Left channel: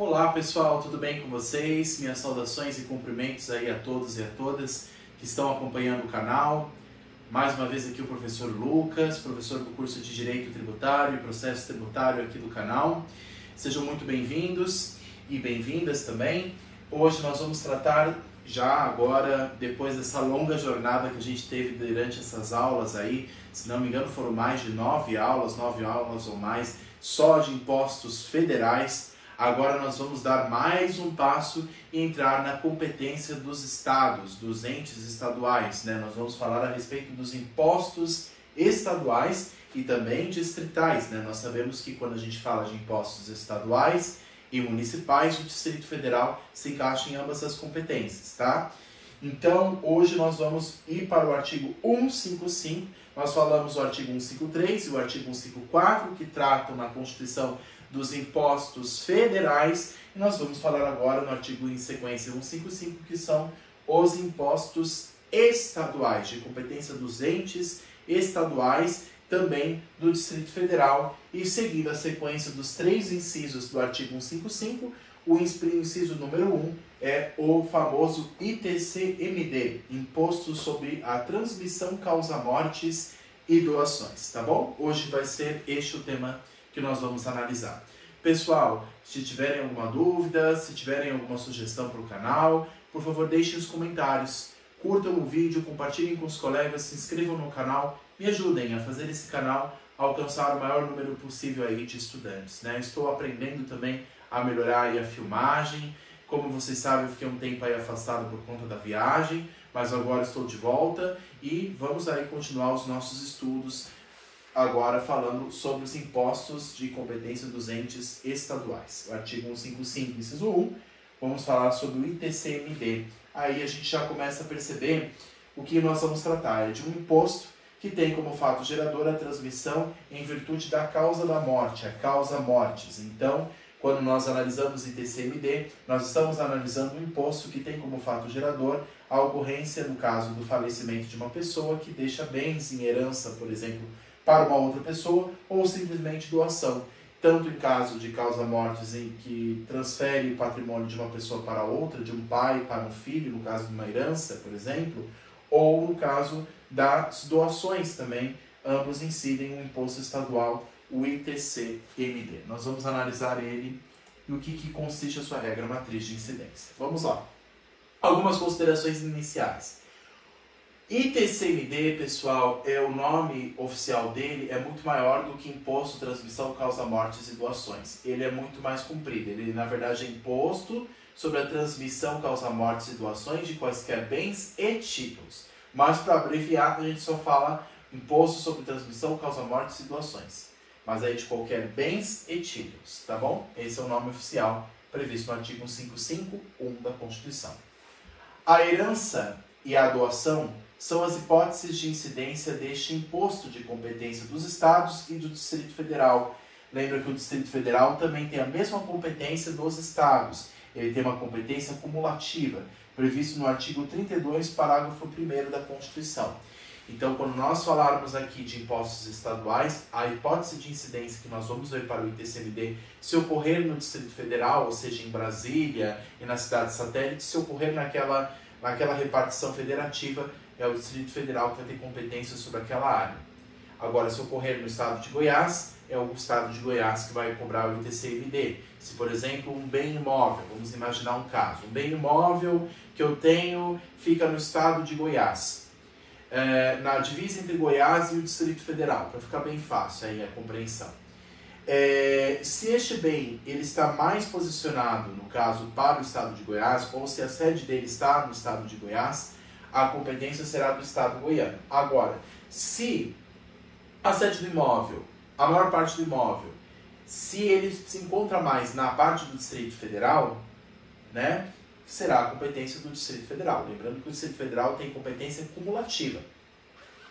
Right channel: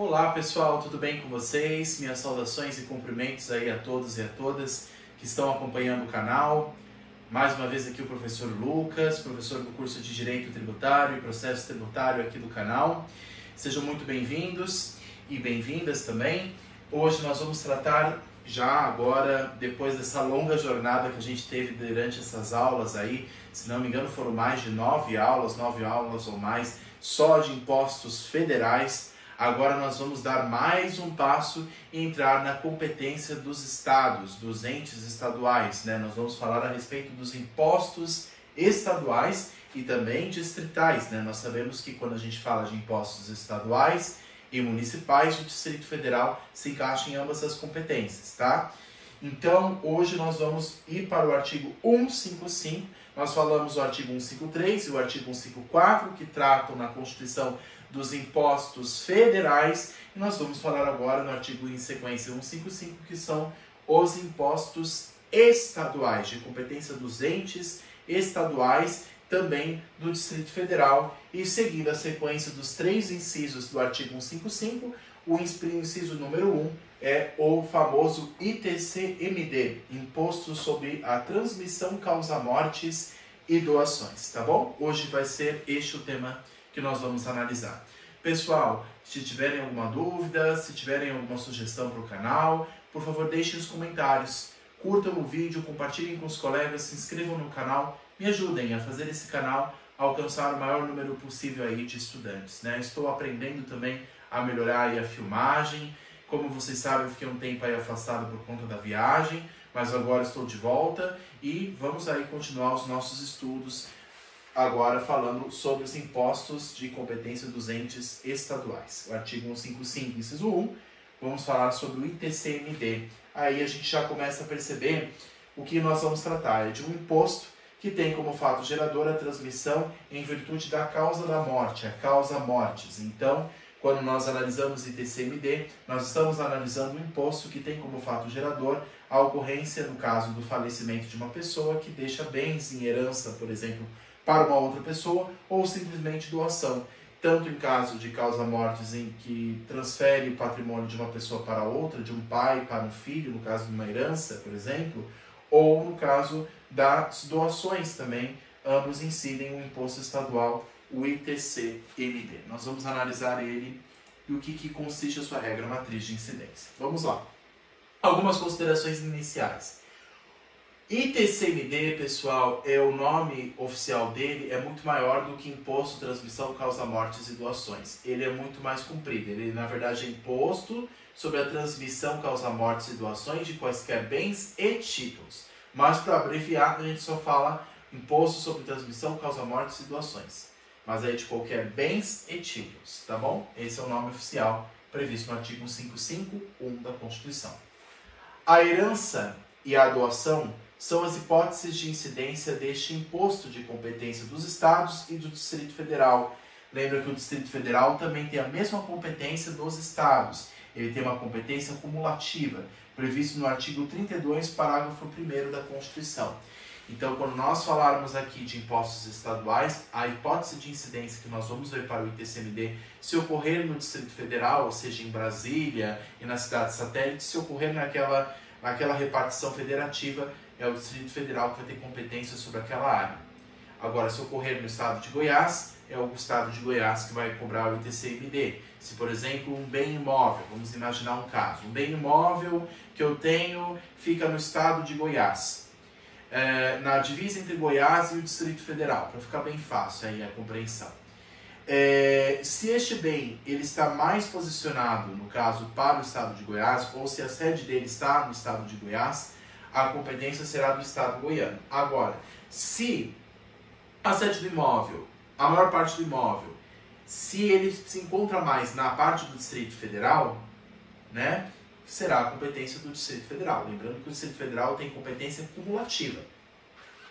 Olá pessoal, tudo bem com vocês? Minhas saudações e cumprimentos aí a todos e a todas que estão acompanhando o canal. Mais uma vez aqui o professor Lucas, professor do curso de Direito Tributário e Processo Tributário aqui do canal. Sejam muito bem-vindos e bem-vindas também. Hoje nós vamos tratar, já agora, depois dessa longa jornada que a gente teve durante essas aulas aí, se não me engano foram mais de 9 aulas ou mais, só de impostos federais. Agora nós vamos dar mais um passo e entrar na competência dos estados, dos entes estaduais, né? Nós vamos falar a respeito dos impostos estaduais e também distritais, né? Nós sabemos que quando a gente fala de impostos estaduais e municipais, o Distrito Federal se encaixa em ambas as competências, tá? Então, hoje nós vamos ir para o artigo 155, nós falamos do artigo 153 e o artigo 154, que tratam na Constituição dos impostos federais, e nós vamos falar agora no artigo em sequência 155, que são os impostos estaduais, de competência dos entes estaduais, também do Distrito Federal, e seguindo a sequência dos 3 incisos do artigo 155, o inciso número 1 é o famoso ITCMD, Imposto sobre a Transmissão, Causa-Mortes e Doações, tá bom? Hoje vai ser este o tema que nós vamos analisar. Pessoal, se tiverem alguma dúvida, se tiverem alguma sugestão para o canal, por favor deixem os comentários, curtam o vídeo, compartilhem com os colegas, se inscrevam no canal, me ajudem a fazer esse canal alcançar o maior número possível aí de estudantes, né? Estou aprendendo também a melhorar aí a filmagem. Como vocês sabem, eu fiquei um tempo aí afastado por conta da viagem, mas agora estou de volta e vamos aí continuar os nossos estudos agora falando sobre os impostos de competência dos entes estaduais. O artigo 155, inciso 1, vamos falar sobre o ITCMD. Aí a gente já começa a perceber o que nós vamos tratar. É de um imposto que tem como fato gerador a transmissão em virtude da causa da morte, a causa-mortes. Então, quando nós analisamos ITCMD, nós estamos analisando um imposto que tem como fato gerador a ocorrência, no caso do falecimento de uma pessoa, que deixa bens em herança, por exemplo, para uma outra pessoa, ou simplesmente doação. Tanto em caso de causa-mortes em que transfere patrimônio de uma pessoa para outra, de um pai para um filho, no caso de uma herança, por exemplo, ou no caso das doações também, ambos incidem um imposto estadual, o ITCMD. Nós vamos analisar ele e o que consiste a sua regra matriz de incidência. Vamos lá. Algumas considerações iniciais. ITCMD, pessoal, o nome oficial dele é muito maior do que Imposto, Transmissão, Causa-Mortes e Doações. Ele é muito mais comprido. Ele, na verdade, é Imposto sobre a Transmissão, Causa-Mortes e Doações de quaisquer bens e títulos. Mas, para abreviar, a gente só fala Imposto sobre Transmissão, Causa-Mortes e Doações. Mas aí de qualquer bens e títulos, tá bom? Esse é o nome oficial previsto no artigo 155.1 da Constituição. A herança e a doação são as hipóteses de incidência deste imposto de competência dos estados e do Distrito Federal. Lembra que o Distrito Federal também tem a mesma competência dos estados. Ele tem uma competência cumulativa, previsto no artigo 32, parágrafo 1º da Constituição. Então, quando nós falarmos aqui de impostos estaduais, a hipótese de incidência que nós vamos ver para o ITCMD, se ocorrer no Distrito Federal, ou seja, em Brasília e na cidade satélite, se ocorrer naquela repartição federativa, é o Distrito Federal que vai ter competência sobre aquela área. Agora, se ocorrer no estado de Goiás, é o estado de Goiás que vai cobrar o ITCMD. Se, por exemplo, um bem imóvel, vamos imaginar um caso, um bem imóvel que eu tenho fica no estado de Goiás, na divisa entre Goiás e o Distrito Federal, para ficar bem fácil aí a compreensão. Se este bem ele está mais posicionado, no caso, para o estado de Goiás, ou se a sede dele está no estado de Goiás, a competência será do estado goiano. Agora, se a sede do imóvel, a maior parte do imóvel, se ele se encontra mais na parte do Distrito Federal, né, será a competência do Distrito Federal. Lembrando que o Distrito Federal tem competência cumulativa,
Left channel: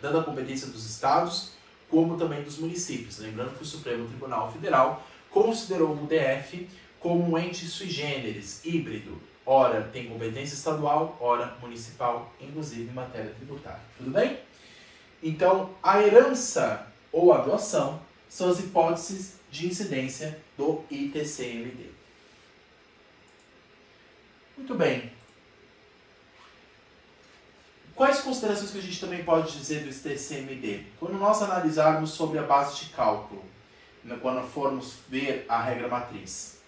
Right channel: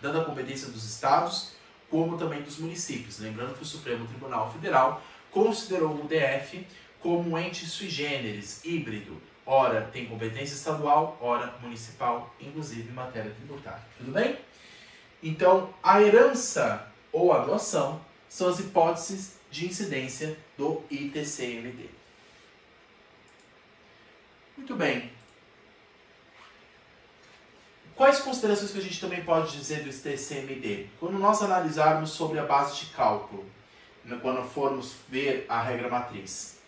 tanto a competência dos estados como também dos municípios. Lembrando que o Supremo Tribunal Federal considerou o DF como um ente sui generis, híbrido. Ora tem competência estadual, ora municipal, inclusive em matéria tributária. Tudo bem? Então, a herança ou a doação são as hipóteses de incidência do ITCMD. Muito bem. Quais considerações que a gente também pode dizer do TCMD? Quando nós analisarmos sobre a base de cálculo, quando formos ver a regra matriz.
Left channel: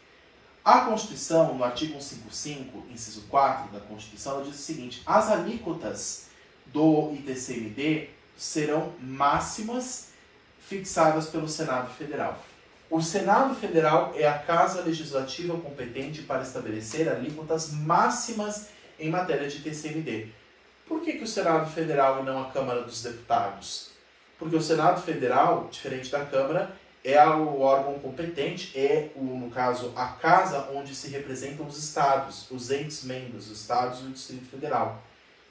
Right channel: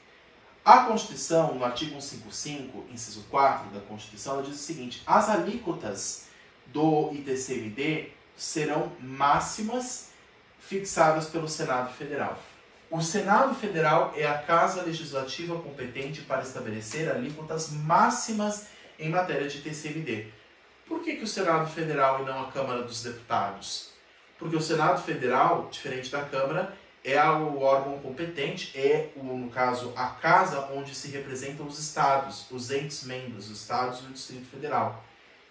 A Constituição, no artigo 155, inciso 4 da Constituição, ela diz o seguinte: as alíquotas do ITCMD serão máximas fixadas pelo Senado Federal. O Senado Federal é a casa legislativa competente para estabelecer alíquotas máximas em matéria de TCMD. Por que o Senado Federal e não a Câmara dos Deputados? Porque o Senado Federal, diferente da Câmara, é o órgão competente, no caso, a casa onde se representam os estados, os entes membros, os estados e o Distrito Federal,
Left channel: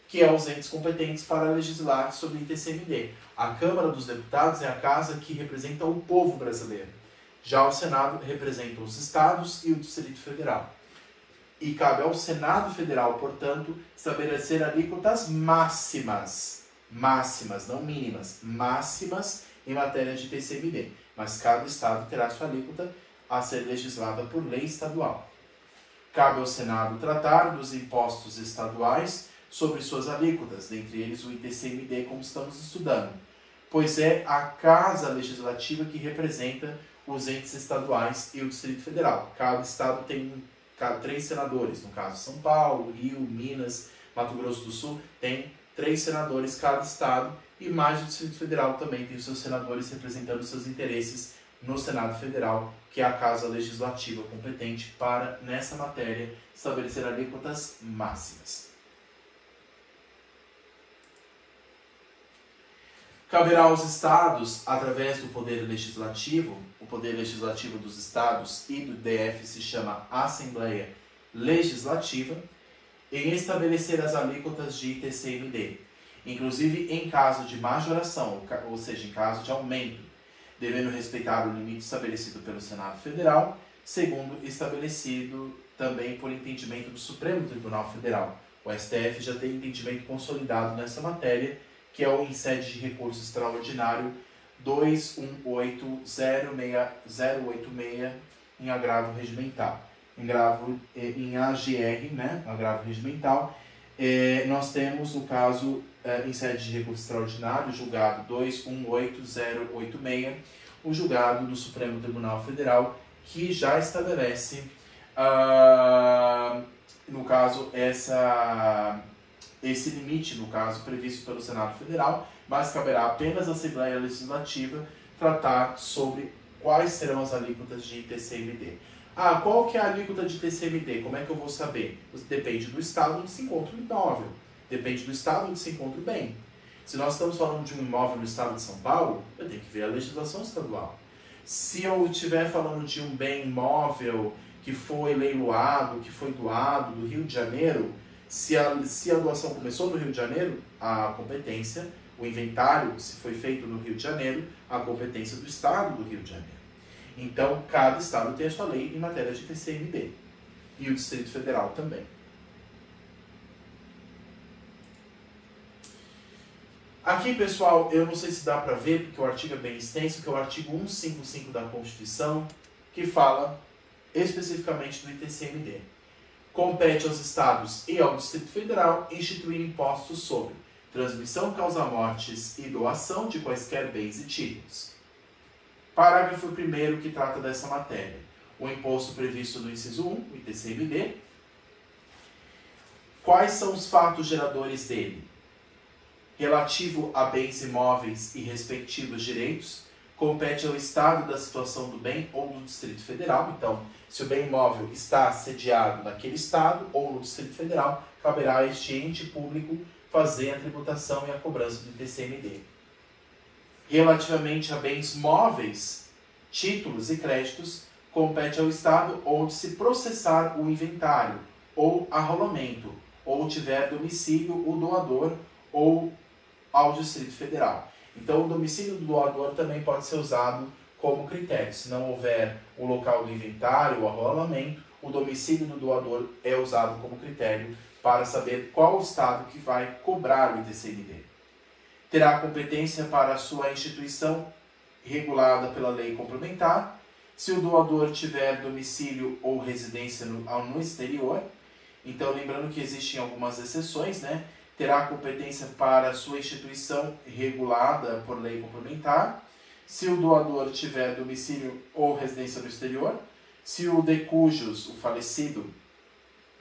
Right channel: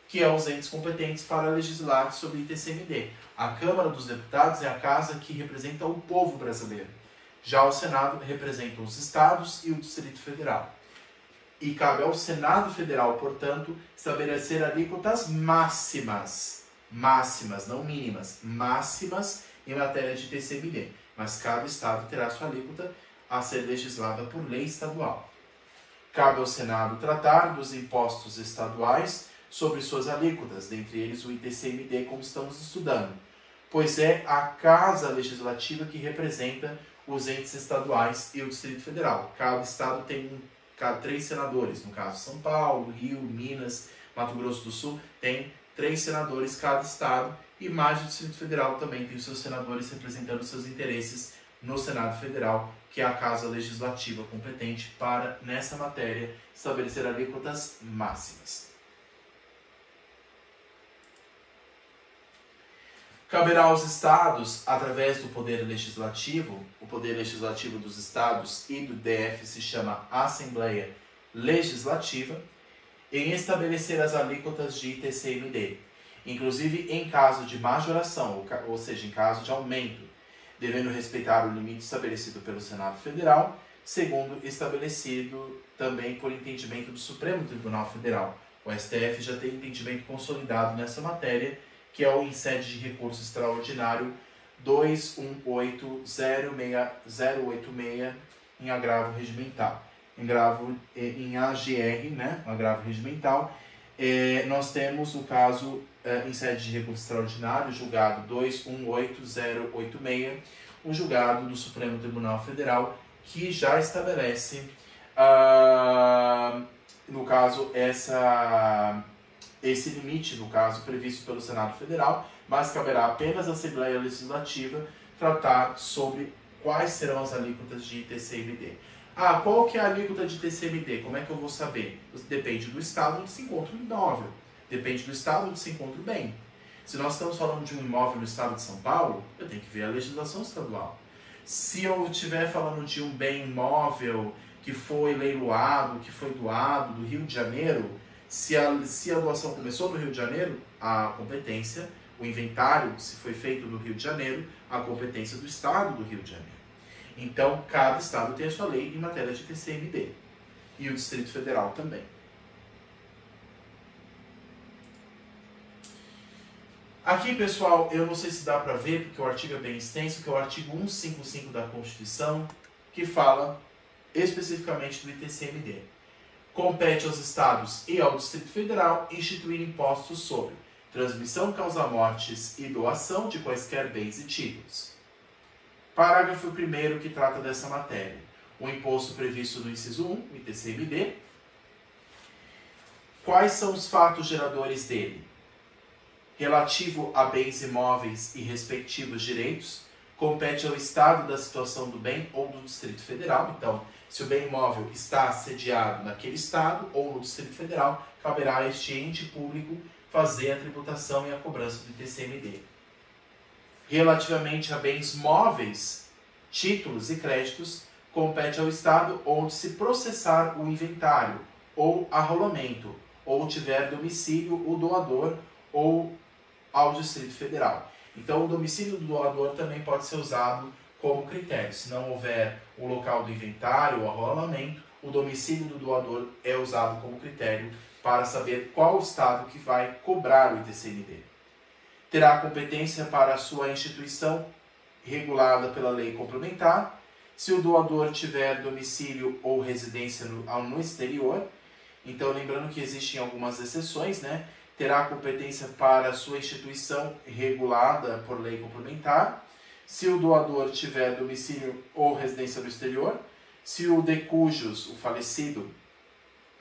que é os entes competentes para legislar sobre o ITCMD. A Câmara dos Deputados é a casa que representa o povo brasileiro. Já o Senado representa os estados e o Distrito Federal. E cabe ao Senado Federal, portanto, estabelecer alíquotas máximas, não mínimas, máximas em matéria de TCMD. Mas cada estado terá sua alíquota a ser legislada por lei estadual. Cabe ao Senado tratar dos impostos estaduais sobre suas alíquotas, dentre eles o ITCMD, como estamos estudando, pois é a casa legislativa que representa os entes estaduais e o Distrito Federal. Cada estado tem 3 senadores, no caso São Paulo, Rio, Minas, Mato Grosso do Sul, tem 3 senadores cada estado, e mais o Distrito Federal também tem os seus senadores representando seus interesses no Senado Federal, que é a casa legislativa competente para, nessa matéria, estabelecer alíquotas máximas. Caberá aos estados, através do Poder Legislativo, o Poder Legislativo dos estados e do DF se chama Assembleia Legislativa, em estabelecer as alíquotas de ITCMD, inclusive em caso de majoração, ou seja, em caso de aumento, devendo respeitar o limite estabelecido pelo Senado Federal, segundo estabelecido também por entendimento do Supremo Tribunal Federal. O STF já tem entendimento consolidado nessa matéria, que é o em sede de recurso extraordinário 21806086 em agravo regimental. Em AGR, né, agravo regimental, nós temos, no caso, em sede de recurso extraordinário, julgado 218086, o julgado do Supremo Tribunal Federal, que já estabelece, no caso, esse limite, no caso, previsto pelo Senado Federal, mas caberá apenas à Assembleia Legislativa tratar sobre quais serão as alíquotas de TCMD. Qual que é a alíquota de TCMD? Como é que eu vou saber? Depende do estado onde se encontra o imóvel. Depende do estado onde se encontra o bem. Se nós estamos falando de um imóvel no estado de São Paulo, eu tenho que ver a legislação estadual. Se eu estiver falando de um bem imóvel que foi leiloado, que foi doado do Rio de Janeiro, se a doação começou do Rio de Janeiro, a competência, o inventário, se foi feito no Rio de Janeiro, a competência do estado do Rio de Janeiro. Então, cada estado tem a sua lei em matéria de TCMD. E o Distrito Federal também. Aqui, pessoal, eu não sei se dá para ver, porque o artigo é bem extenso, que é o artigo 155 da Constituição, que fala especificamente do ITCMD. Compete aos estados e ao Distrito Federal instituir impostos sobre transmissão, causa-mortes e doação de quaisquer bens e títulos. Parágrafo 1º que trata dessa matéria. O imposto previsto no inciso 1, o ITCMD. Quais são os fatos geradores dele? Relativo a bens imóveis e respectivos direitos, compete ao Estado da situação do bem ou do Distrito Federal. Então, se o bem imóvel está sediado naquele Estado ou no Distrito Federal, caberá a este ente público fazer a tributação e a cobrança do ITCMD. Relativamente a bens móveis, títulos e créditos, compete ao Estado onde se processar o inventário ou arrolamento, ou tiver domicílio o doador ou ao Distrito Federal. Então, o domicílio do doador também pode ser usado como critério. Se não houver o local do inventário, o arrolamento, o domicílio do doador é usado como critério para saber qual o Estado que vai cobrar o ITCMD. Terá competência para a sua instituição regulada pela lei complementar, se o doador tiver domicílio ou residência no exterior, Então, lembrando que existem algumas exceções, né? Terá competência para sua instituição regulada por lei complementar, se o doador tiver domicílio ou residência no exterior, se o de cujos, o falecido,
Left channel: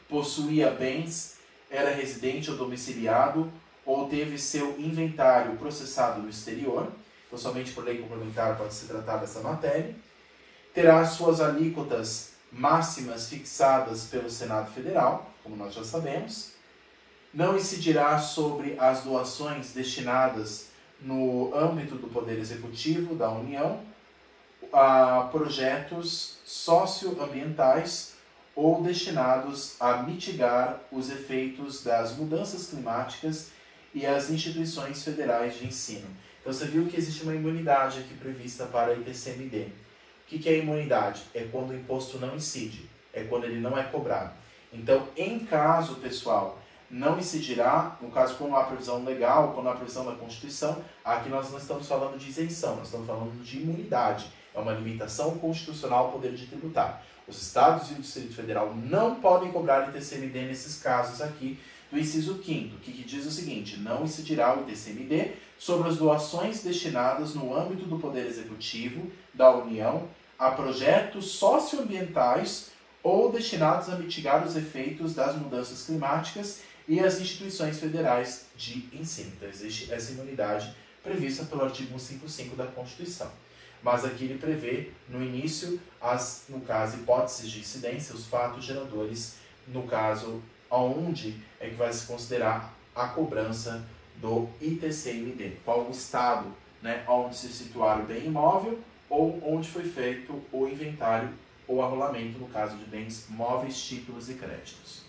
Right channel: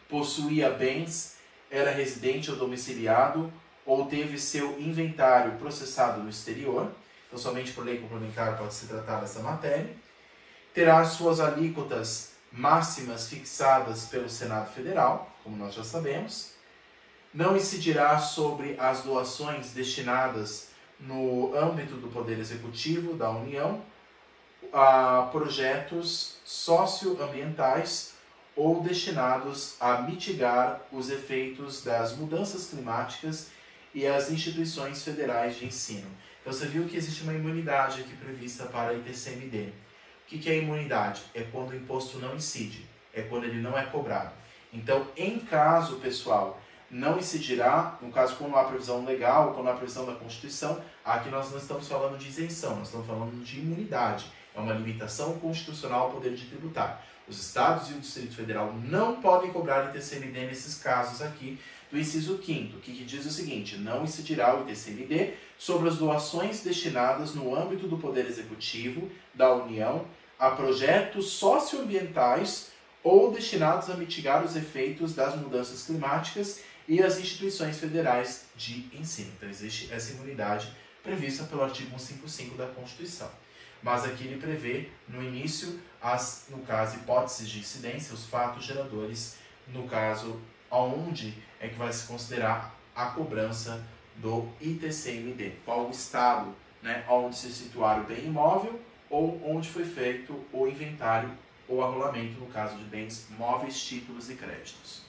possuía bens, era residente ou domiciliado, ou teve seu inventário processado no exterior, então somente por lei complementar pode se tratar dessa matéria, terá suas alíquotas máximas fixadas pelo Senado Federal, como nós já sabemos, não incidirá sobre as doações destinadas no âmbito do Poder Executivo da União a projetos socioambientais ou destinados a mitigar os efeitos das mudanças climáticas e as instituições federais de ensino. Então você viu que existe uma imunidade aqui prevista para a ITCMD. O que é imunidade? É quando o imposto não incide, é quando ele não é cobrado. Então, em caso, pessoal, não incidirá, no caso, quando há previsão legal, quando há previsão da Constituição, aqui nós não estamos falando de isenção, nós estamos falando de imunidade. É uma limitação constitucional ao poder de tributar. Os estados e o Distrito Federal não podem cobrar ITCMD nesses casos aqui do inciso 5º, que diz o seguinte: não incidirá o ITCMD sobre as doações destinadas no âmbito do Poder Executivo da União a projetos socioambientais ou destinados a mitigar os efeitos das mudanças climáticas e as instituições federais de ensino. Então, existe essa imunidade prevista pelo artigo 155 da Constituição. Mas aqui ele prevê, no início, no caso, hipóteses de incidência, os fatos geradores, no caso, aonde é que vai se considerar a cobrança do ITCMD. Qual o estado, né, onde se situar o bem imóvel ou onde foi feito o inventário ou arrolamento, no caso de bens móveis, títulos e créditos.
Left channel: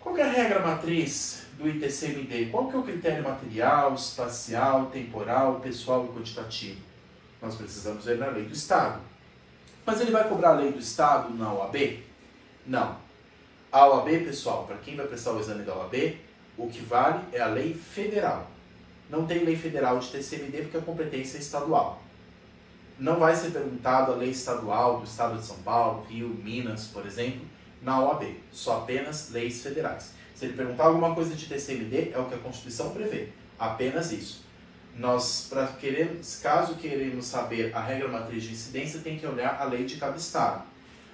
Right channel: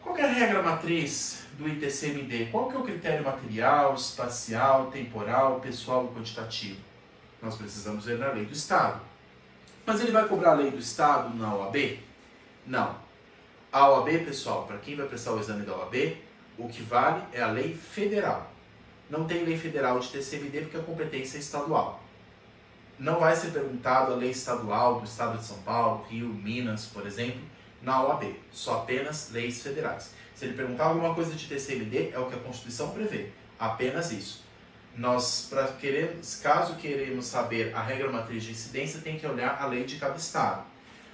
Qual que é a regra matriz do ITCMD? Qual que é o critério material, espacial, temporal, pessoal e quantitativo? Nós precisamos ver na lei do Estado. Mas ele vai cobrar a lei do Estado na OAB? Não. A OAB, pessoal, para quem vai prestar o exame da OAB, o que vale é a lei federal. Não tem lei federal de ITCMD porque a competência é estadual. Não vai ser perguntado a lei estadual do Estado de São Paulo, Rio, Minas, por exemplo, na OAB. Só apenas leis federais. Se ele perguntar alguma coisa de ITCMD, é o que a Constituição prevê. Apenas isso. Nós, caso queremos saber a regra matriz de incidência, tem que olhar a lei de cada estado.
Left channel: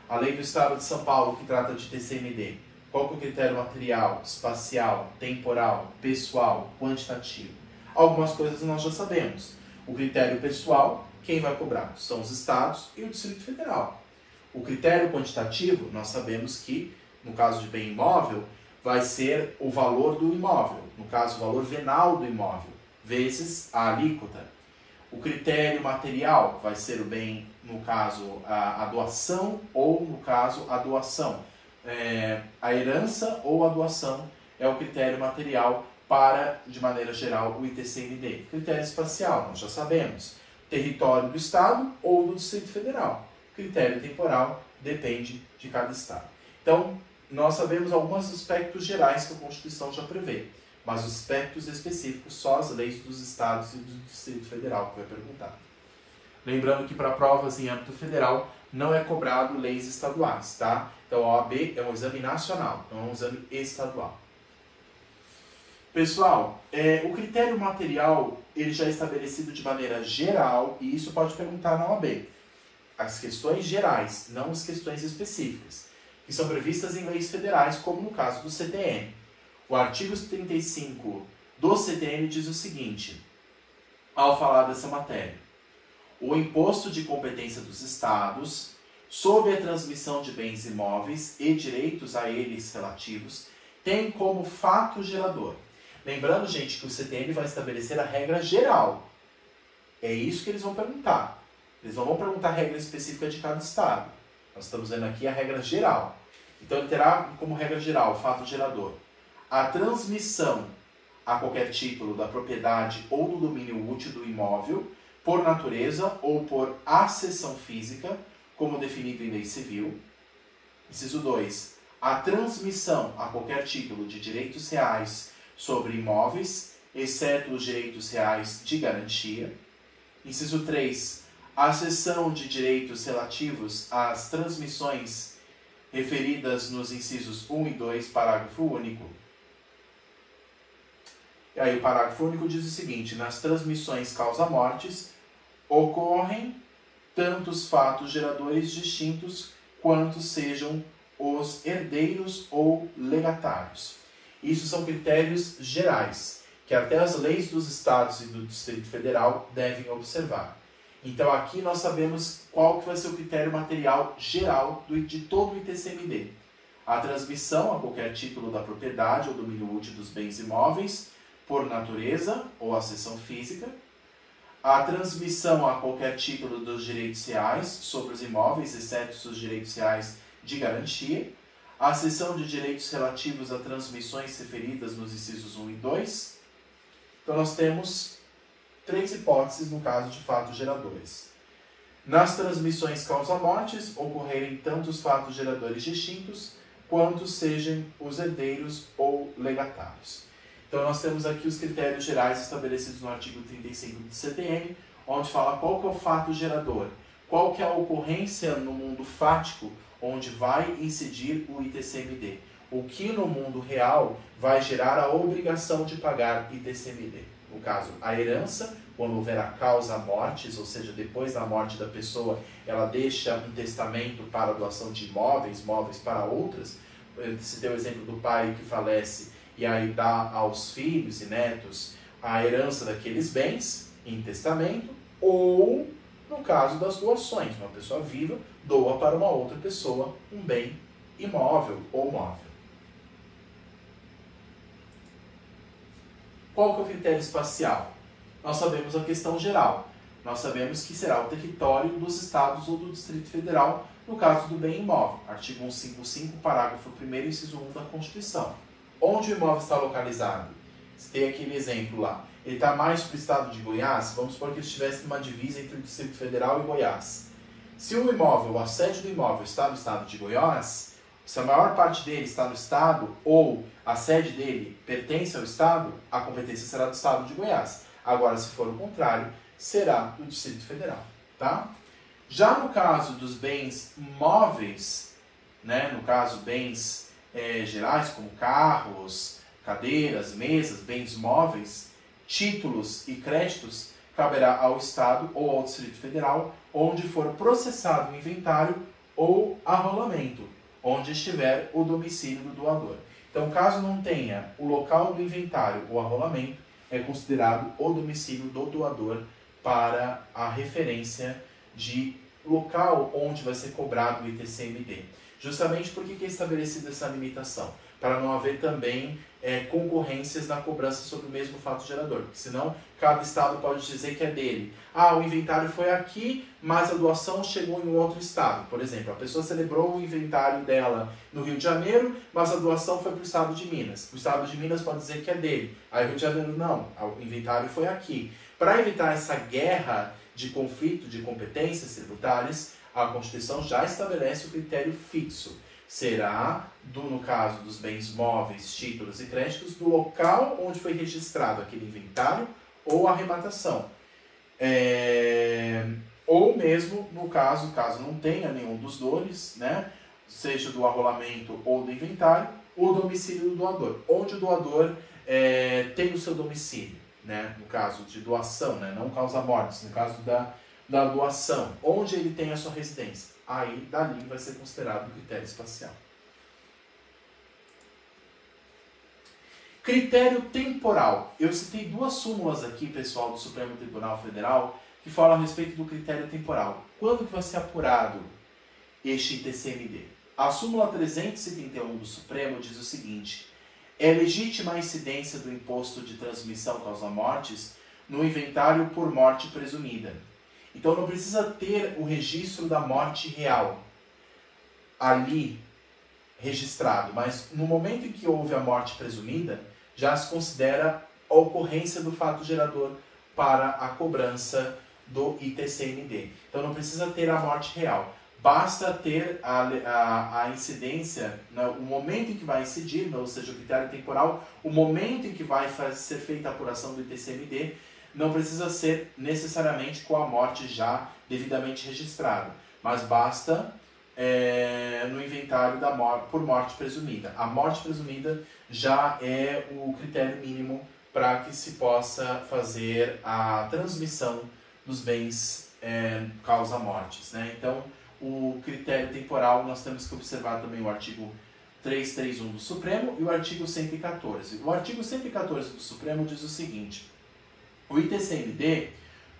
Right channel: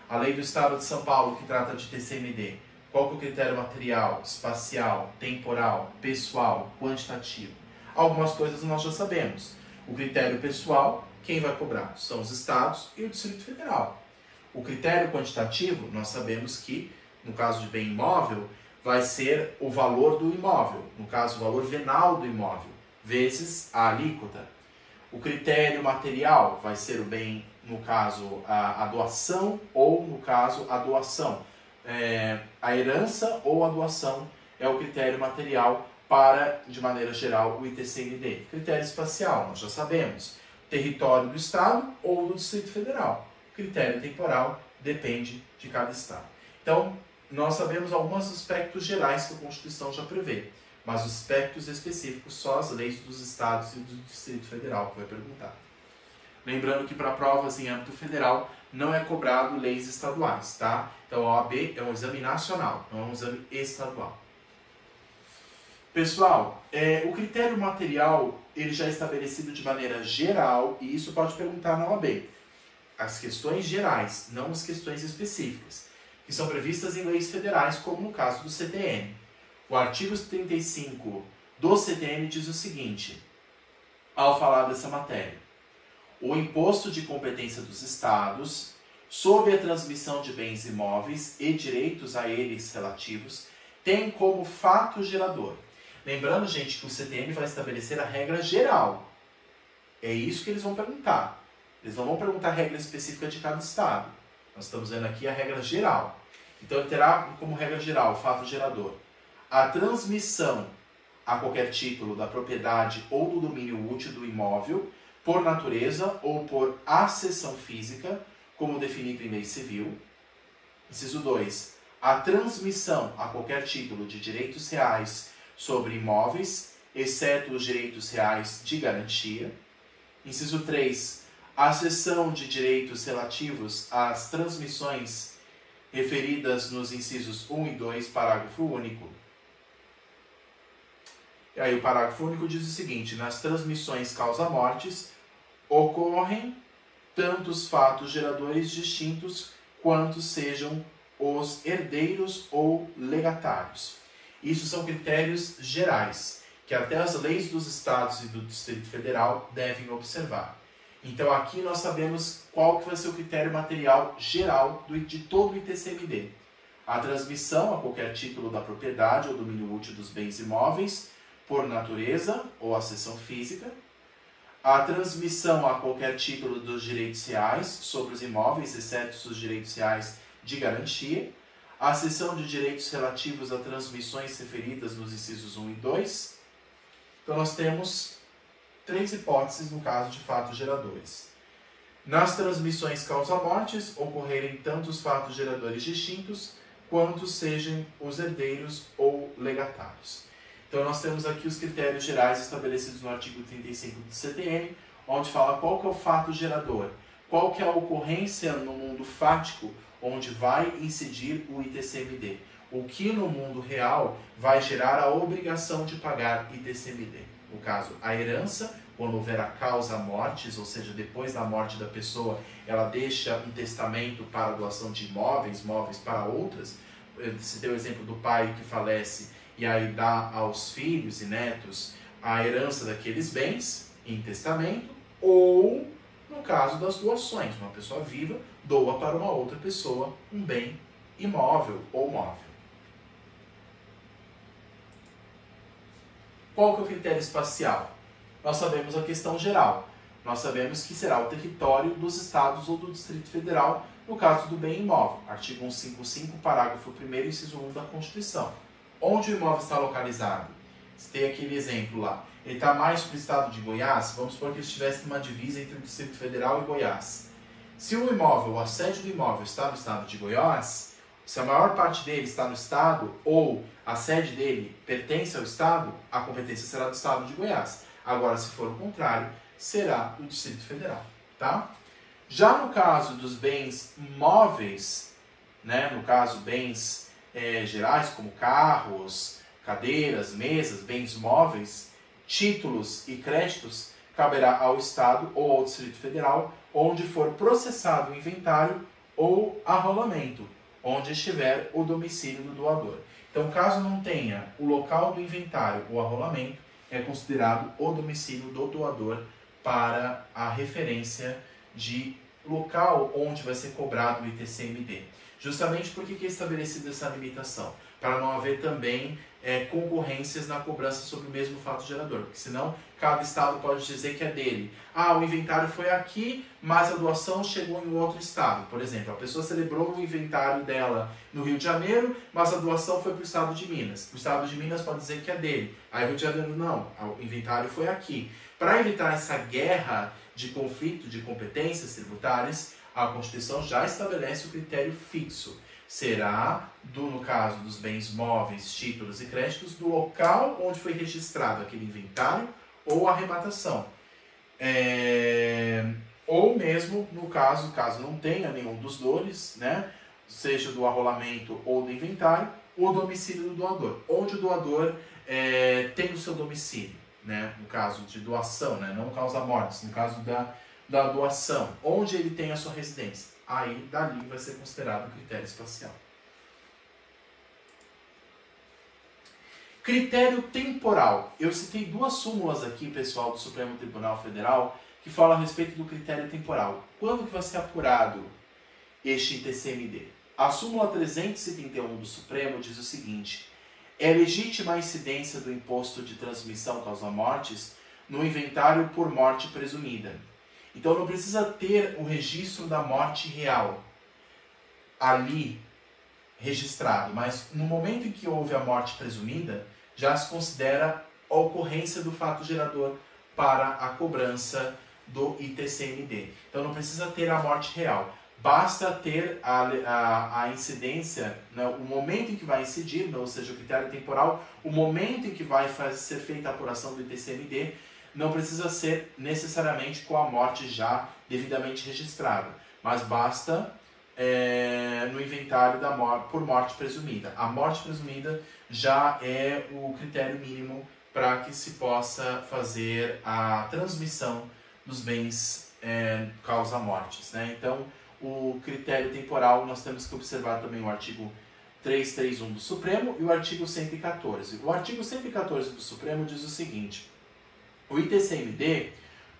A lei do Estado de São Paulo, que trata de ITCMD, qual que é o critério material, espacial, temporal, pessoal, quantitativo? Algumas coisas nós já sabemos. O critério pessoal, quem vai cobrar? São os estados e o Distrito Federal. O critério quantitativo, nós sabemos que, no caso de bem imóvel, vai ser o valor do imóvel, no caso, o valor venal do imóvel, vezes a alíquota. O critério material vai ser o bem, no caso, a doação ou, no caso, a doação. A herança ou a doação é o critério material para, de maneira geral, o ITCMD. Critério espacial, nós já sabemos. Território do Estado ou do Distrito Federal. Critério temporal depende de cada Estado. Então, nós sabemos alguns aspectos gerais que a Constituição já prevê, mas os aspectos específicos só as leis dos Estados e do Distrito Federal que vai perguntar. Lembrando que para provas em âmbito federal não é cobrado leis estaduais, tá? Então, a OAB é um exame nacional, não é um exame estadual. Pessoal, o critério material ele já é estabelecido de maneira geral e isso pode perguntar na OAB. As questões gerais, não as questões específicas, que são previstas em leis federais, como no caso do CTN. O artigo 35 do CTN diz o seguinte, ao falar dessa matéria: o imposto de competência dos estados sobre a transmissão de bens imóveis e direitos a eles relativos tem como fato gerador. Lembrando, gente, que o CTN vai estabelecer a regra geral. É isso que eles vão perguntar. Eles não vão perguntar a regra específica de cada estado. Nós estamos vendo aqui a regra geral. Então, ele terá como regra geral, o fato gerador, a transmissão a qualquer título da propriedade ou do domínio útil do imóvel, por natureza ou por acessão física, como definido em lei civil. Inciso 2. A transmissão a qualquer título de direitos reais sobre imóveis, exceto os direitos reais de garantia. Inciso 3. A cessão de direitos relativos às transmissões referidas nos incisos 1 e 2, parágrafo único. E aí o parágrafo único diz o seguinte: nas transmissões causa-mortes ocorrem tantos fatos geradores distintos quanto sejam os herdeiros ou legatários. Isso são critérios gerais, que até as leis dos estados e do Distrito Federal devem observar. Então aqui nós sabemos qual que vai ser o critério material geral de todo o ITCMD. A transmissão a qualquer título da propriedade ou domínio útil dos bens imóveis, por natureza ou acessão física. A transmissão a qualquer título dos direitos reais sobre os imóveis, exceto os direitos reais de garantia. A cessão de direitos relativos a transmissões referidas nos incisos 1 e 2. Então nós temos 3 hipóteses no caso de fatos geradores. Nas transmissões causa-mortes, ocorrerem tantos fatos geradores distintos, quanto sejam os herdeiros ou legatários. Então nós temos aqui os critérios gerais estabelecidos no artigo 35 do CTN, onde fala qual que é o fato gerador, qual que é a ocorrência no mundo fático, onde vai incidir o ITCMD. O que no mundo real vai gerar a obrigação de pagar ITCMD. No caso, a herança, quando houver a causa-mortes, ou seja, depois da morte da pessoa, ela deixa um testamento para a doação de imóveis, móveis para outras. Se tem o exemplo do pai que falece e aí dá aos filhos e netos a herança daqueles bens em testamento, ou no caso das doações, uma pessoa viva doa para uma outra pessoa um bem imóvel ou móvel. Qual que é o critério espacial? Nós sabemos a questão geral. Nós sabemos que será o território dos estados ou do Distrito Federal, no caso do bem imóvel. Artigo 155, parágrafo 1º, inciso 1 da Constituição. Onde o imóvel está localizado? Você tem aquele exemplo lá. Ele está mais para o estado de Goiás? Vamos supor que ele estivesse numa divisa entre o Distrito Federal e Goiás. Se o imóvel, a sede do imóvel está no estado de Goiás, se a maior parte dele está no estado ou a sede dele pertence ao estado, a competência será do estado de Goiás. Agora, se for o contrário, será do Distrito Federal, tá? Já no caso dos bens móveis, né, no caso bens gerais como carros, cadeiras, mesas, bens móveis, títulos e créditos, caberá ao Estado ou ao Distrito Federal, onde for processado o inventário ou arrolamento, onde estiver o domicílio do doador. Então, caso não tenha o local do inventário ou arrolamento, é considerado o domicílio do doador para a referência de local onde vai ser cobrado o ITCMD. Justamente porque que é estabelecida essa limitação? Para não haver também concorrências na cobrança sobre o mesmo fato gerador, porque senão cada estado pode dizer que é dele. Ah, o inventário foi aqui, mas a doação chegou em um outro estado. Por exemplo, a pessoa celebrou o inventário dela no Rio de Janeiro, mas a doação foi para o estado de Minas. O estado de Minas pode dizer que é dele. Aí o Rio de Janeiro, não, o inventário foi aqui. Para evitar essa guerra de conflito de competências tributárias, a Constituição já estabelece o critério fixo. Será, no caso dos bens móveis, títulos e créditos, do local onde foi registrado aquele inventário ou arrematação. Ou mesmo, no caso não tenha nenhum dos dois, né, seja do arrolamento ou do inventário, o domicílio do doador. Onde o doador tem o seu domicílio, né, no caso de doação, né, não causa-mortes, no caso da doação, onde ele tem a sua residência. Aí, dali vai ser considerado um critério espacial. Critério temporal. Eu citei 2 súmulas aqui, pessoal, do Supremo Tribunal Federal, que falam a respeito do critério temporal. Quando que vai ser apurado este ITCMD? A súmula 371 do Supremo diz o seguinte: é legítima a incidência do imposto de transmissão causa-mortes no inventário por morte presumida. Então não precisa ter o registro da morte real ali registrado, mas no momento em que houve a morte presumida, já se considera a ocorrência do fato gerador para a cobrança do ITCMD. Então não precisa ter a morte real, basta ter a incidência, né, o momento em que vai incidir, ou seja, o critério temporal, o momento em que vai ser feita a apuração do ITCMD. Não precisa ser necessariamente com a morte já devidamente registrada, mas basta no inventário por morte presumida. A morte presumida já é o critério mínimo para que se possa fazer a transmissão dos bens causa-mortes, né? Então, o critério temporal, nós temos que observar também o artigo 331 do Supremo e o artigo 114. O artigo 114 do Supremo diz o seguinte: o ITCMD,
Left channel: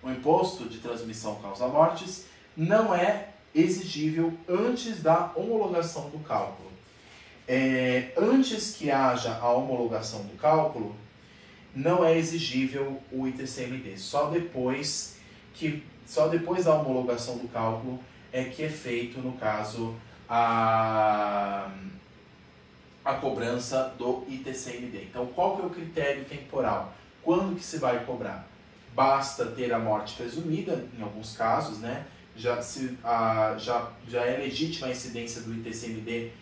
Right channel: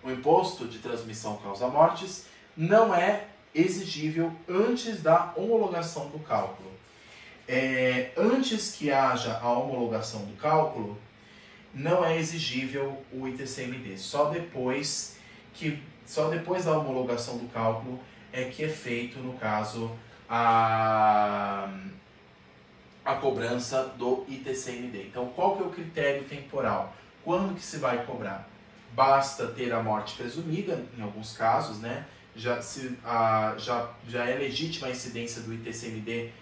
o Imposto de Transmissão Causa-Mortes, não é exigível antes da homologação do cálculo. Antes que haja a homologação do cálculo, não é exigível o ITCMD. Só depois da homologação do cálculo é que é feito, no caso, a cobrança do ITCMD. Então, qual que é o critério temporal? Quando que se vai cobrar? Basta ter a morte presumida, em alguns casos, né? Já é legítima a incidência do ITCMD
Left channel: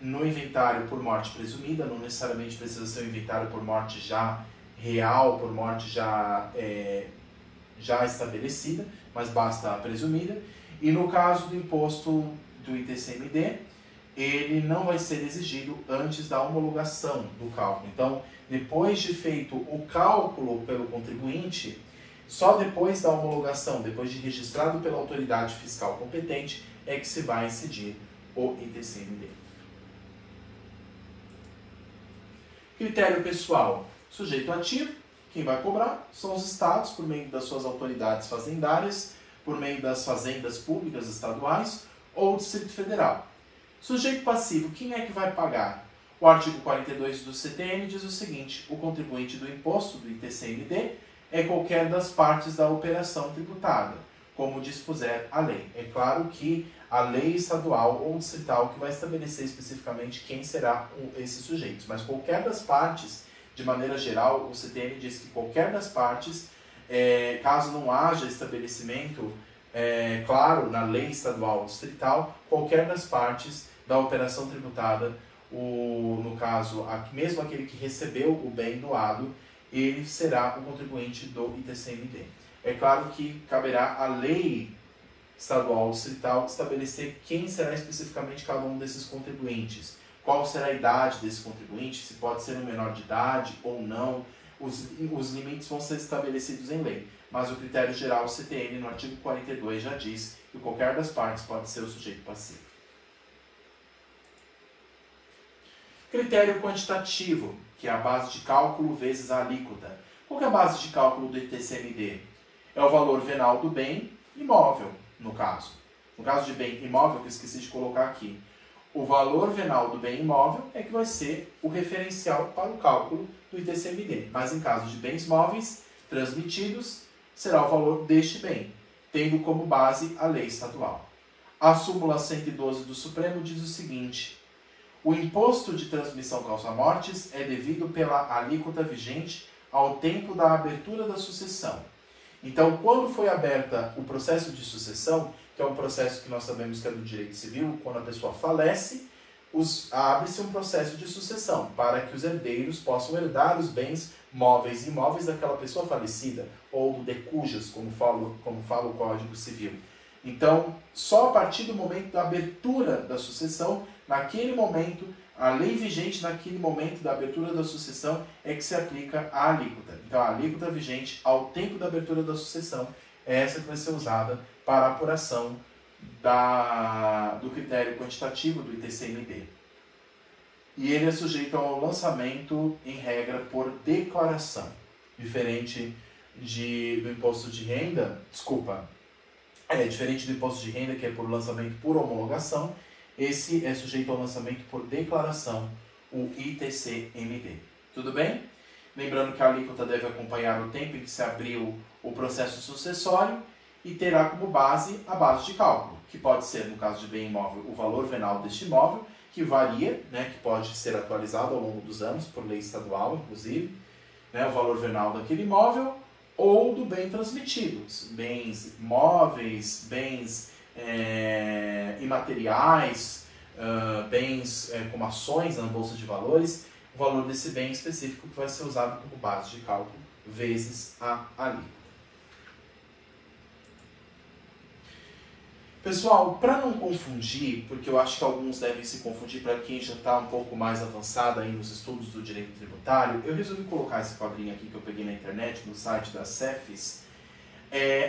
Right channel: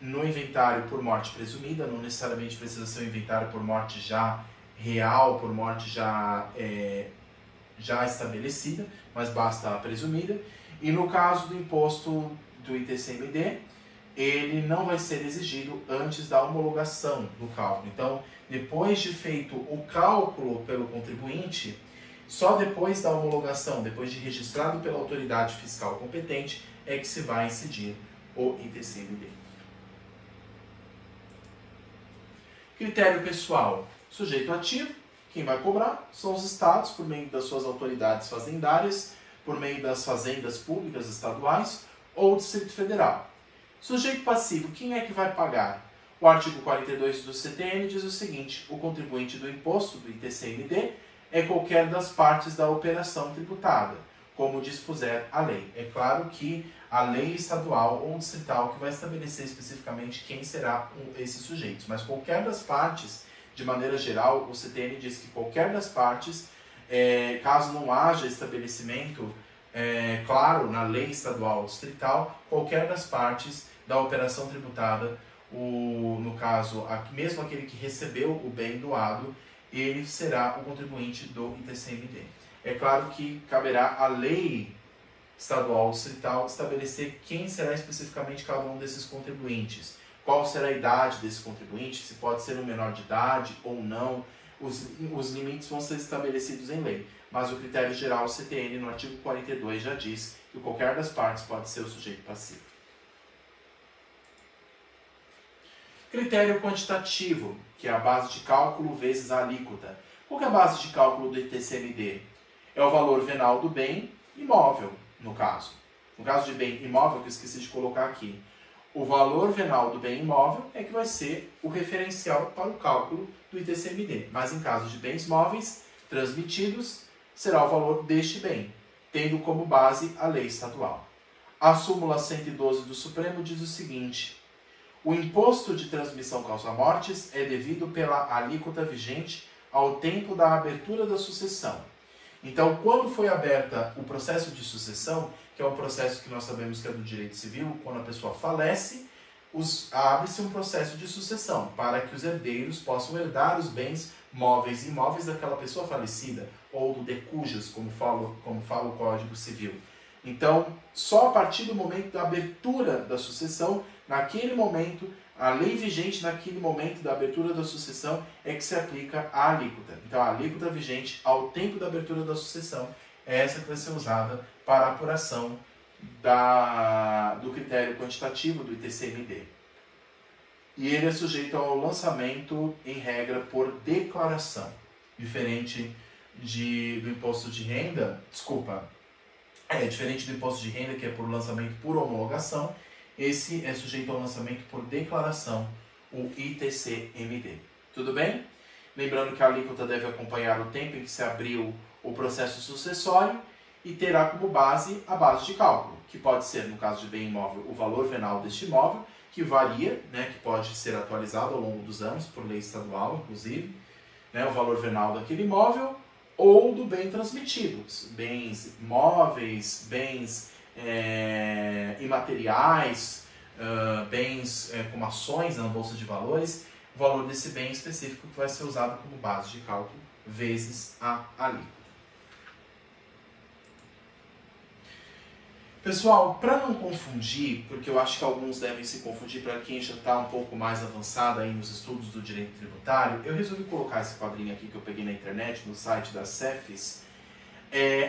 no inventário por morte presumida, não necessariamente precisa ser um inventário por morte já real, por morte já estabelecida, mas basta a presumida. E no caso do imposto do ITCMD, ele não vai ser exigido antes da homologação do cálculo. Então, depois de feito o cálculo pelo contribuinte, só depois da homologação, depois de registrado pela autoridade fiscal competente, é que se vai incidir o ITCMD. Critério pessoal. Sujeito ativo, quem vai cobrar são os estados, por meio das suas autoridades fazendárias, por meio das fazendas públicas estaduais ou Distrito Federal. Sujeito passivo, quem é que vai pagar? O artigo 42 do CTN diz o seguinte: o contribuinte do imposto do ITCMD é qualquer das partes da operação tributada, como dispuser a lei. É claro que a lei estadual ou distrital que vai estabelecer especificamente quem será esses sujeitos, mas qualquer das partes, de maneira geral, o CTN diz que qualquer das partes, caso não haja estabelecimento claro na lei estadual ou distrital, qualquer das partes da operação tributada, no caso, mesmo aquele que recebeu o bem doado, ele será o contribuinte do ITCMD. É claro que caberá à lei estadual ou distrital estabelecer quem será especificamente cada um desses contribuintes, qual será a idade desse contribuinte, se pode ser um menor de idade ou não. Os limites vão ser estabelecidos em lei, mas o critério geral do CTN, no artigo 42, já diz que qualquer das partes pode ser o sujeito passivo. Critério quantitativo, que é a base de cálculo vezes a alíquota. Qual que é a base de cálculo do ITCMD? É o valor venal do bem imóvel, no caso. No caso de bem imóvel, que eu esqueci de colocar aqui, o valor venal do bem imóvel é que vai ser o referencial para o cálculo do ITCMD. Mas em caso de bens móveis transmitidos, será o valor deste bem, tendo como base a lei estadual. A súmula 112 do Supremo diz o seguinte: o imposto de transmissão causa-mortes é devido pela alíquota vigente ao tempo da abertura da sucessão. Então, quando foi aberta o processo de sucessão, que é um processo que nós sabemos que é do direito civil, quando a pessoa falece, abre-se um processo de sucessão para que os herdeiros possam herdar os bens móveis e imóveis daquela pessoa falecida, ou do de cujas, como fala o Código Civil. Então, só a partir do momento da abertura da sucessão, naquele momento, a lei vigente naquele momento da abertura da sucessão é que se aplica a alíquota. Então, a alíquota vigente ao tempo da abertura da sucessão é essa que vai ser usada para a apuração do critério quantitativo do ITCMD. E ele é sujeito ao lançamento, em regra, por declaração. Diferente do imposto de renda, diferente do imposto de renda, que é por lançamento por homologação, esse é sujeito ao lançamento por declaração, o ITCMD. Tudo bem? Lembrando que a alíquota deve acompanhar o tempo em que se abriu o processo sucessório e terá como base a base de cálculo, que pode ser, no caso de bem imóvel, o valor venal deste imóvel, que varia, que pode ser atualizado ao longo dos anos, por lei estadual, inclusive, o valor venal daquele imóvel, ou do bem transmitido, bens móveis, bens imateriais, bens como ações na Bolsa de Valores, o valor desse bem específico que vai ser usado como base de cálculo vezes a alíquota. Pessoal, para não confundir, porque eu acho que alguns devem se confundir para quem já está um pouco mais avançado aí nos estudos do direito tributário, eu resolvi colocar esse quadrinho aqui que eu peguei na internet, no site da Cefis,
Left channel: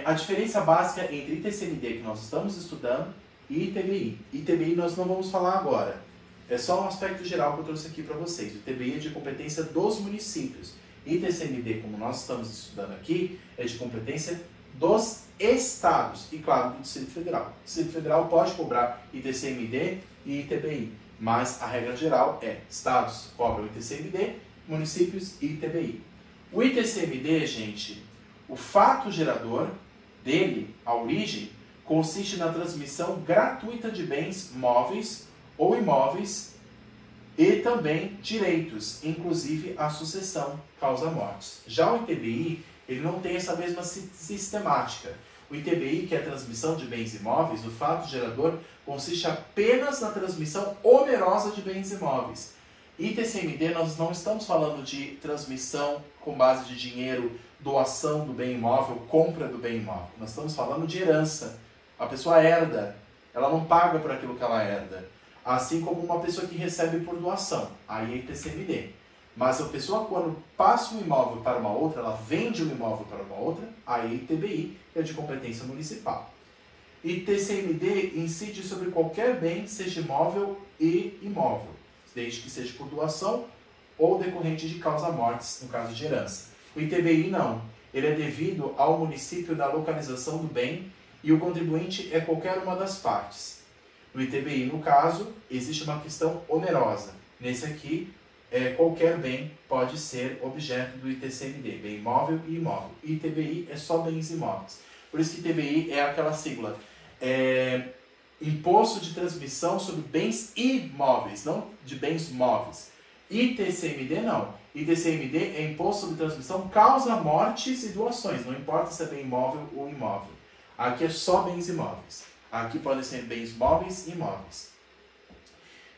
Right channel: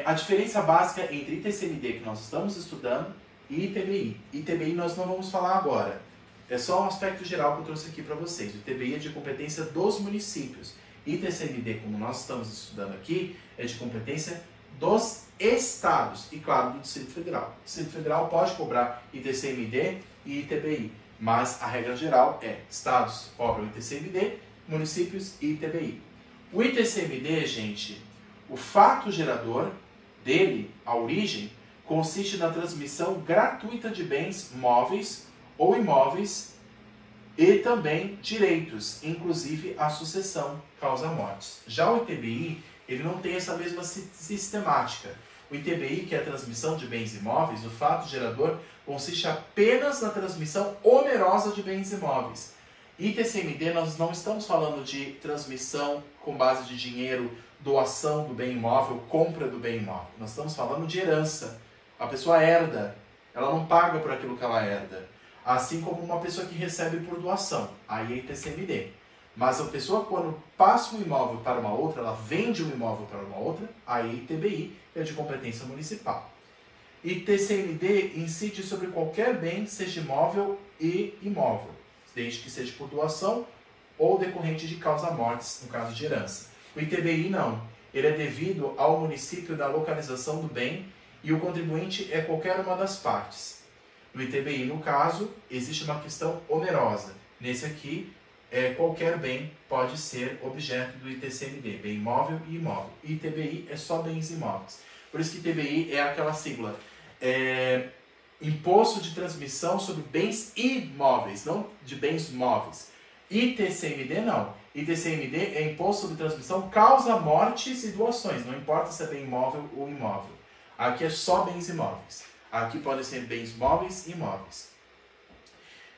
a diferença básica entre ITCMD, que nós estamos estudando, e ITBI. ITBI nós não vamos falar agora, é só um aspecto geral que eu trouxe aqui para vocês. O ITBI é de competência dos municípios. ITCMD, como nós estamos estudando aqui, é de competência dos estados e, claro, do Distrito Federal. O Distrito Federal pode cobrar ITCMD e ITBI, mas a regra geral é estados cobram ITCMD, municípios e ITBI. O ITCMD, gente, o fato gerador dele, a origem, consiste na transmissão gratuita de bens móveis ou imóveis e também direitos, inclusive a sucessão causa-mortes. Já o ITBI, ele não tem essa mesma sistemática. O ITBI, que é a transmissão de bens imóveis, o fato gerador consiste apenas na transmissão onerosa de bens imóveis. ITCMD, nós não estamos falando de transmissão com base de dinheiro, doação do bem imóvel, compra do bem imóvel. Nós estamos falando de herança. A pessoa herda, ela não paga por aquilo que ela herda. Assim como uma pessoa que recebe por doação, aí é ITCMD. Mas a pessoa, quando passa um imóvel para uma outra, ela vende um imóvel para uma outra, aí ITBI é de competência municipal. ITCMD incide sobre qualquer bem, seja imóvel e imóvel, desde que seja por doação ou decorrente de causa-mortes, no caso de herança. O ITBI não, ele é devido ao município da localização do bem e o contribuinte é qualquer uma das partes. No ITBI, no caso, existe uma questão onerosa. Nesse aqui, qualquer bem pode ser objeto do ITCMD, bem imóvel e imóvel. ITBI é só bens imóveis. Por isso que ITBI é aquela sigla, Imposto de Transmissão sobre Bens Imóveis, não de bens móveis. ITCMD não. ITCMD é Imposto sobre Transmissão causa-mortes e doações, não importa se é bem imóvel ou imóvel. Aqui é só bens imóveis. Aqui podem ser bens móveis e imóveis.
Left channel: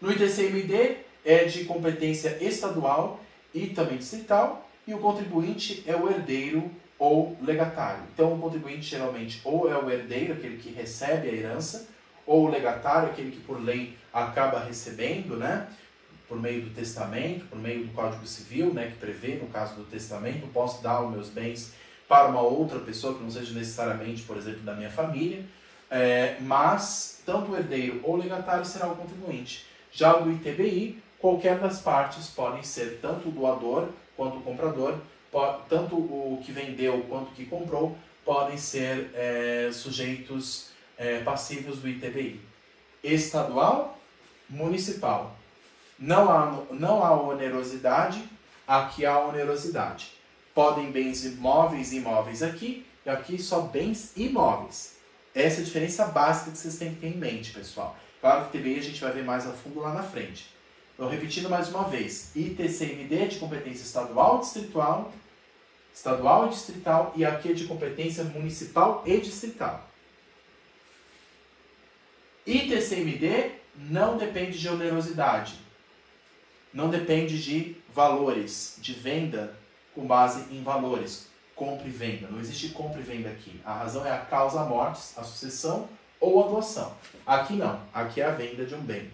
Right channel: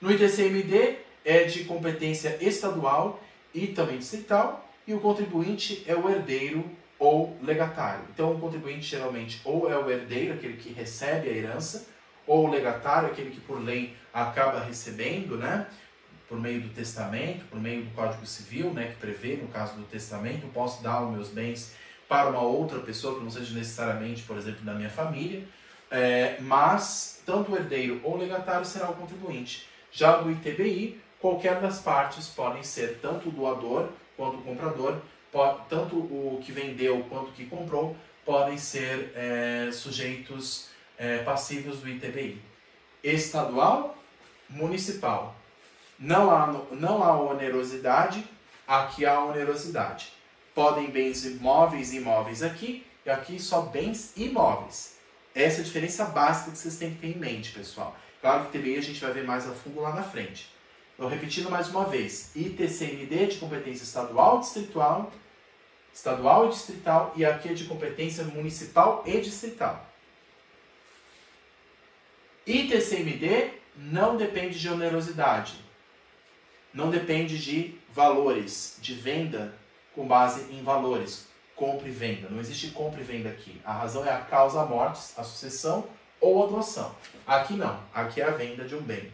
No ITCMD é de competência estadual e também distrital, e o contribuinte é o herdeiro ou legatário. Então, o contribuinte geralmente ou é o herdeiro, aquele que recebe a herança, ou o legatário, aquele que por lei acaba recebendo, né? Por meio do testamento, por meio do Código Civil, né? Que prevê, no caso do testamento, posso dar os meus bens para uma outra pessoa, que não seja necessariamente, por exemplo, da minha família, mas tanto o herdeiro ou o legatário será o contribuinte. Já no ITBI, qualquer das partes podem ser tanto o doador quanto o comprador, tanto o que vendeu quanto o que comprou, podem ser sujeitos passivos do ITBI. Estadual, municipal. Não há onerosidade, aqui há onerosidade. Podem bens imóveis e imóveis aqui, e aqui só bens imóveis. Essa é a diferença básica que vocês têm que ter em mente, pessoal. Claro que ITBI a gente vai ver mais a fundo lá na frente. Então, repetindo mais uma vez, ITCMD é de competência estadual e distrital, e aqui é de competência municipal e distrital. ITCMD não depende de onerosidade, não depende de valores, de venda com base em valores, compra e venda. Não existe compra e venda aqui. A razão é a causa-mortes, a sucessão ou a doação. Aqui não, aqui é a venda de um bem.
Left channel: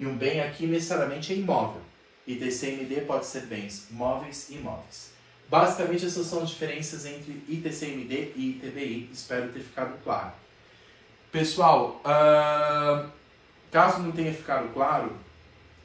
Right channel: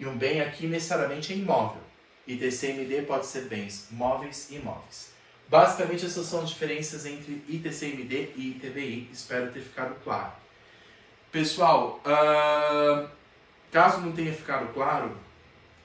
E um bem aqui necessariamente é imóvel. ITCMD pode ser bens móveis e imóveis. Basicamente essas são as diferenças entre ITCMD e ITBI. Espero ter ficado claro. Pessoal, caso não tenha ficado claro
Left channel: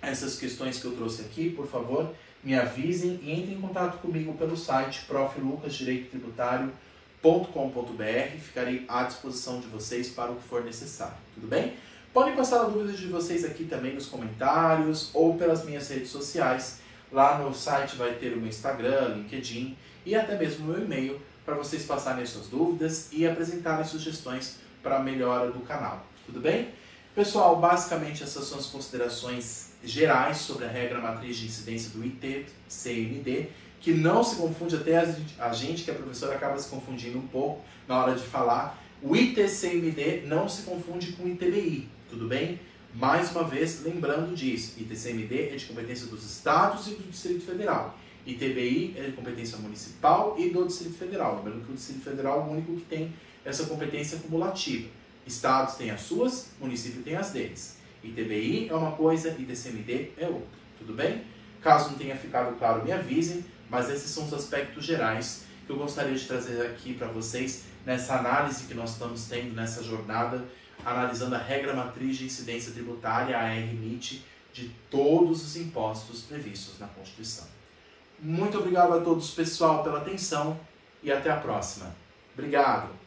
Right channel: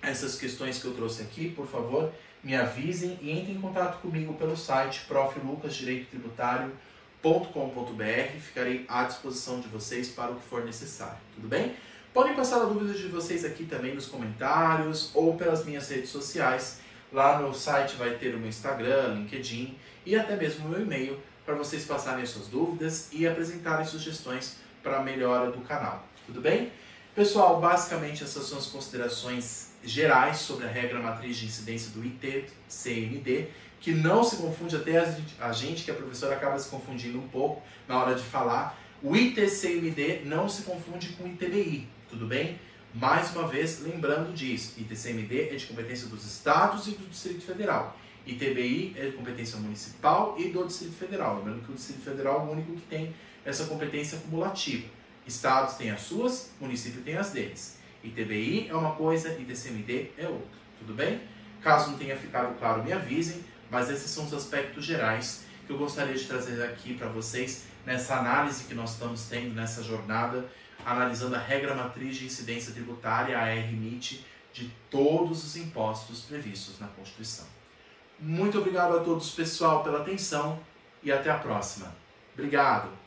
essas questões que eu trouxe aqui, por favor, me avisem e entrem em contato comigo pelo site proflucasdireitotributário.com.br. Ficarei à disposição de vocês para o que for necessário, tudo bem? Podem passar a dúvida de vocês aqui também nos comentários ou pelas minhas redes sociais. Lá no site vai ter o meu Instagram, LinkedIn e até mesmo o meu e-mail para vocês passarem suas dúvidas e apresentarem sugestões para a melhora do canal, tudo bem? Pessoal, basicamente essas são as considerações gerais sobre a regra matriz de incidência do ITCMD, que não se confunde, até a gente que é professor acaba se confundindo um pouco na hora de falar. O ITCMD não se confunde com o ITBI, tudo bem? Mais uma vez, lembrando disso, ITCMD é de competência dos estados e do Distrito Federal. ITBI é de competência municipal e do Distrito Federal. Lembrando que o Distrito Federal é o único que tem essa competência cumulativa. Estados têm as suas, município tem as deles. ITBI é uma coisa, ITCMD é outra. Tudo bem? Caso não tenha ficado claro, me avisem, mas esses são os aspectos gerais que eu gostaria de trazer aqui para vocês nessa análise que nós estamos tendo nessa jornada, analisando a regra matriz de incidência tributária, a ARMIT, de todos os impostos previstos na Constituição. Muito obrigado a todos, pessoal, pela atenção e até a próxima. Obrigado!